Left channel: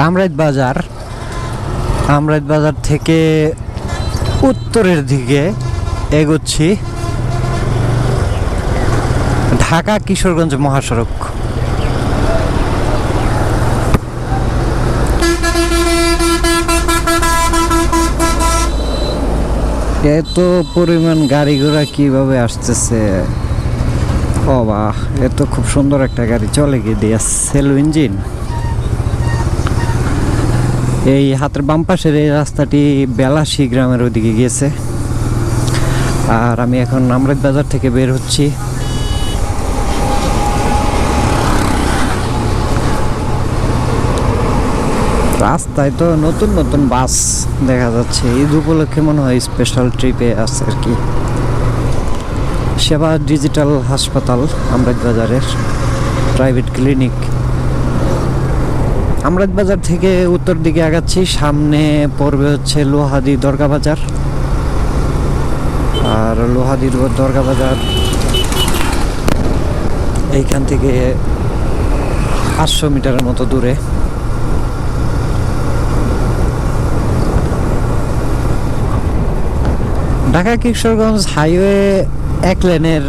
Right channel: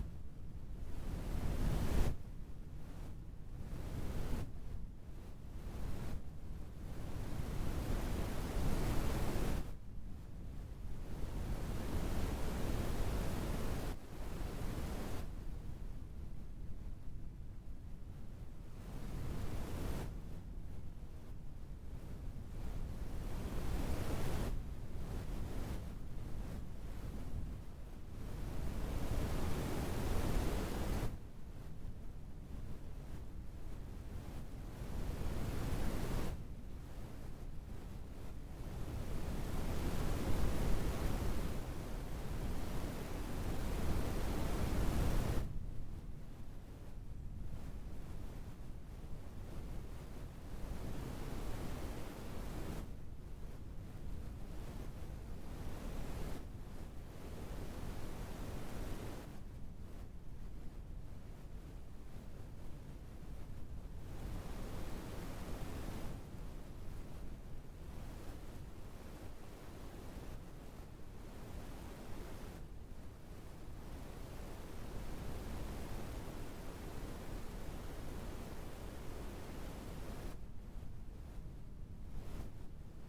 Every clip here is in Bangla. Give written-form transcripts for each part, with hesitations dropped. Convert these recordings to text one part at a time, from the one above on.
আমরাইত বাজার থেকে উত্তরের দিকে এগোচ্ছি ঢাকা কিশোরগঞ্জ মহাসড়ক। এত পরিমাণ গাড়ি ঘোড়া কিভাবে আসতেছে! ও বাহ, এত খুব সুন্দর একটা গাড়ি চলে গিয়ে দিয়ে সেল ইঞ্জিন। এই হাতের বাম পাশের এই রাস্তাটি বেলাশী গ্রামের ওদিকে গিয়েছে। আর আমি এখন আমরাইত বাজার থেকে বের হচ্ছি। রাস্তায় তো নতুন নতুন বাস দেখা যাচ্ছে। ঈদ উপলক্ষে মনে হয় স্পেশাল ট্রিপে আছে আর কি। সেবা ডিজিটাল হাসপাতাল আমরাইত বাজারের প্রাইভেট ক্লিনিক। আমরাইত বাজার থেকে উত্তর দিকে আগাচ্ছি, সামনে পড়বে হচ্ছে লোহাদি দরগা বাজার। আর লোহাদি দরগা বাজার এইখান থেকে 500 মিটারের মতো দূরে। ঢাকা কিশোরগঞ্জ হাইওয়ে 1 লেনের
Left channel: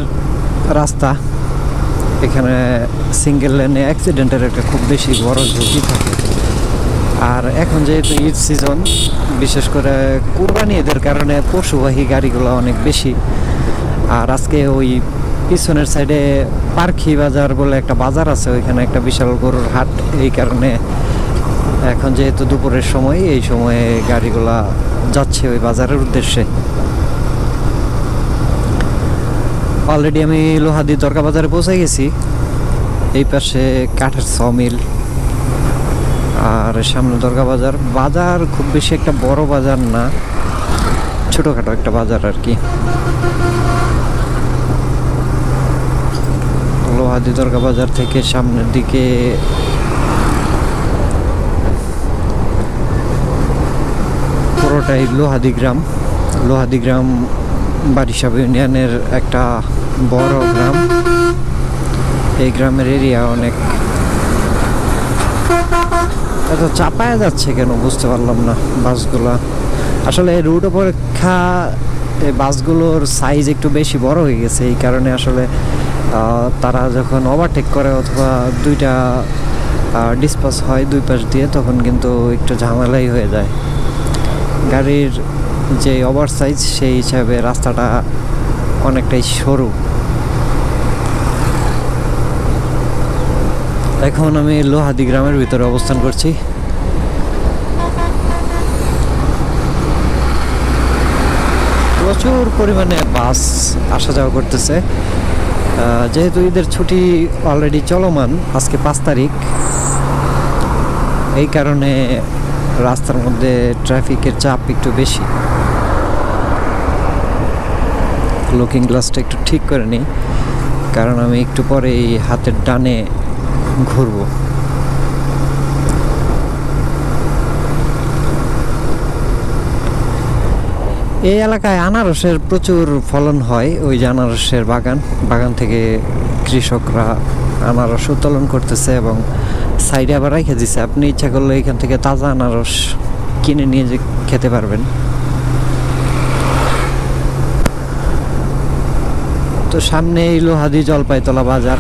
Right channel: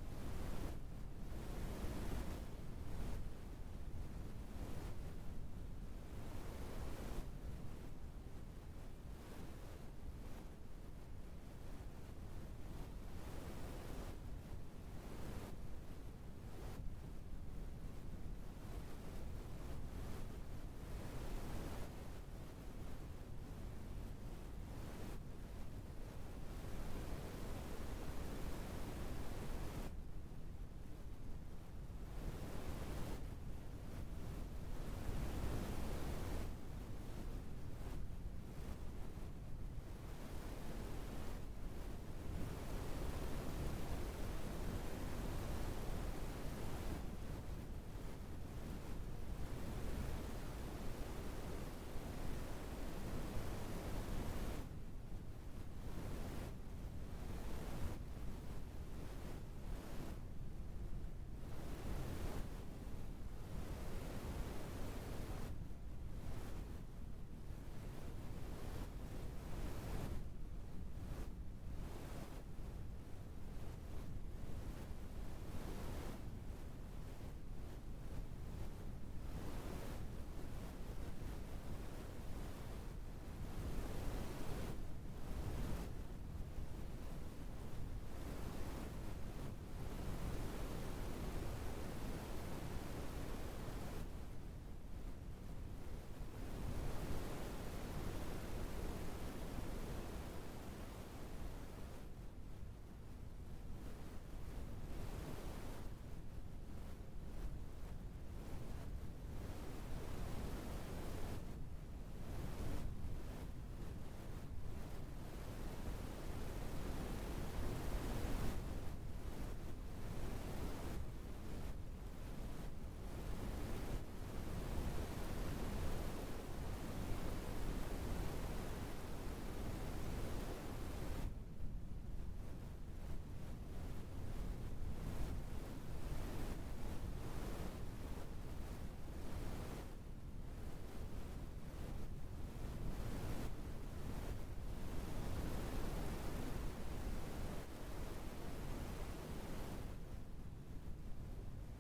রাস্তা। এখানে সিঙ্গেল লেনে অ্যাক্সিডেন্টের একটা খুব বেশি বড় ঝুঁকি থাকে। আর এখন যেহেতু ঈদ সিজন, বিশেষ করে কুরবানি ঈদের কারণে পশুবাহী গাড়িগুলো অনেক বেশি। আর আজকে ওই পিছনের সাইডে পার্কি বাজার বলে একটা বাজার আছে, ওইখানে একটা বিশাল গরুর হাট। এই কারণে এখন যেহেতু দুপুরের সময়, এই সময়ে গাড়িগুলা যাচ্ছে ওই বাজারের উদ্দেশ্যে। অলরেডি আমি লোহাদি দরগা বাজারে পৌঁছে গেছি। এই পাশে কাঠের সমিল আর সামনে দরগা বাজার। বাজার খুব বেশি একটা বড় বাজার না, ছোটখাটো একটা বাজার আর কি। লোহাদি দরগা বাজার থেকে সামনের দিকে পুরোটাই লোহাদি গ্রাম। লোহাদি গ্রাম বারিশাব ইউনিয়নের একটা বড় গ্রাম। এই গ্রামের এরিয়া অনেক। এত চাপায় যাচ্ছে কেন বুঝতে পারলাম না বাসগুলা। আসলে রুট অপেক্ষা এই বাসগুলোর সাইজ একটু বেশি বড় হয়ে গেছে। এই কারণে আসলে তারা যখন ওভারটেক করে অথবা দুইটা ডিসপাস হয় দুই পাশ দিয়ে, তখন কিন্তু একটু ঝামেলাই হয়ে যায়। গাড়ির যে ওভার সাইজ সেই হিসাবে রাস্তাটা অনেকটাই সরু। এখন আমি লোহাদি গ্রামের ভিতরে অবস্থান করছি। প্রচুর পরিমাণে বাস আসা যাওয়া করতেছে। যেহেতু ঈদের ছুটি অলরেডি চলমান, আজকে 5 তারিখ, এই কারণে রাস্তার মধ্যে ট্রাফিকের চাপ একটু বেশি। লুকিং গ্লাসটা একটু ঠিক করে নিই, কারণ আমি একটু পরে এই হাতের ডানে ঘুরবো। এই এলাকায় আনারসের প্রচুর ফলন হয়। ওই যে আনারসের বাগান থেকে কৃষকরা আনারস উত্তোলন করতেছে এবং সাইডে আবার রেখে দিচ্ছে। আপনি ইচ্ছা করলে এখান থেকে তাজা আনারস কিনে নিয়ে যে খেতে পারবেন। তো সামনে এই লোহাদি জলপাইতলা বাজার।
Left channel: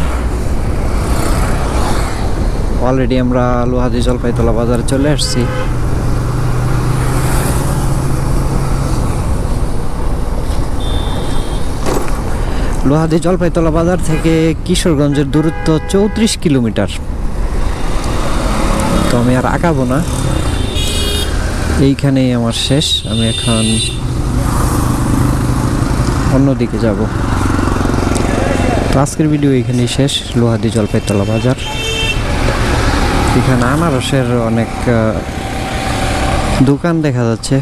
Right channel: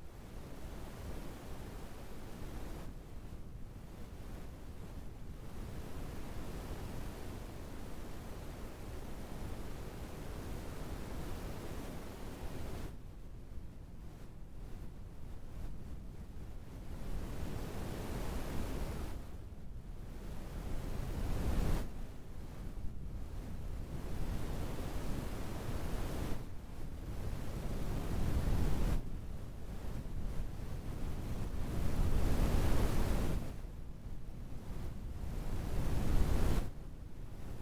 অলরেডি আমরা লোহাদি জলপাইতলা বাজারে চলে আসছি। লোহাদি জলপাইতলা বাজার থেকে কিশোরগঞ্জের দূরত্ব 34 কিলোমিটার। তো আমি আর আগাবো না, এইখানেই আমার শেষ। আমি এখন অন্যদিকে যাব। আজকের ভিডিও এখানেই শেষ। লোহাদি জলপাইতলা বাজার, এখানে আনারসের অনেক দোকান দেখা যাচ্ছে।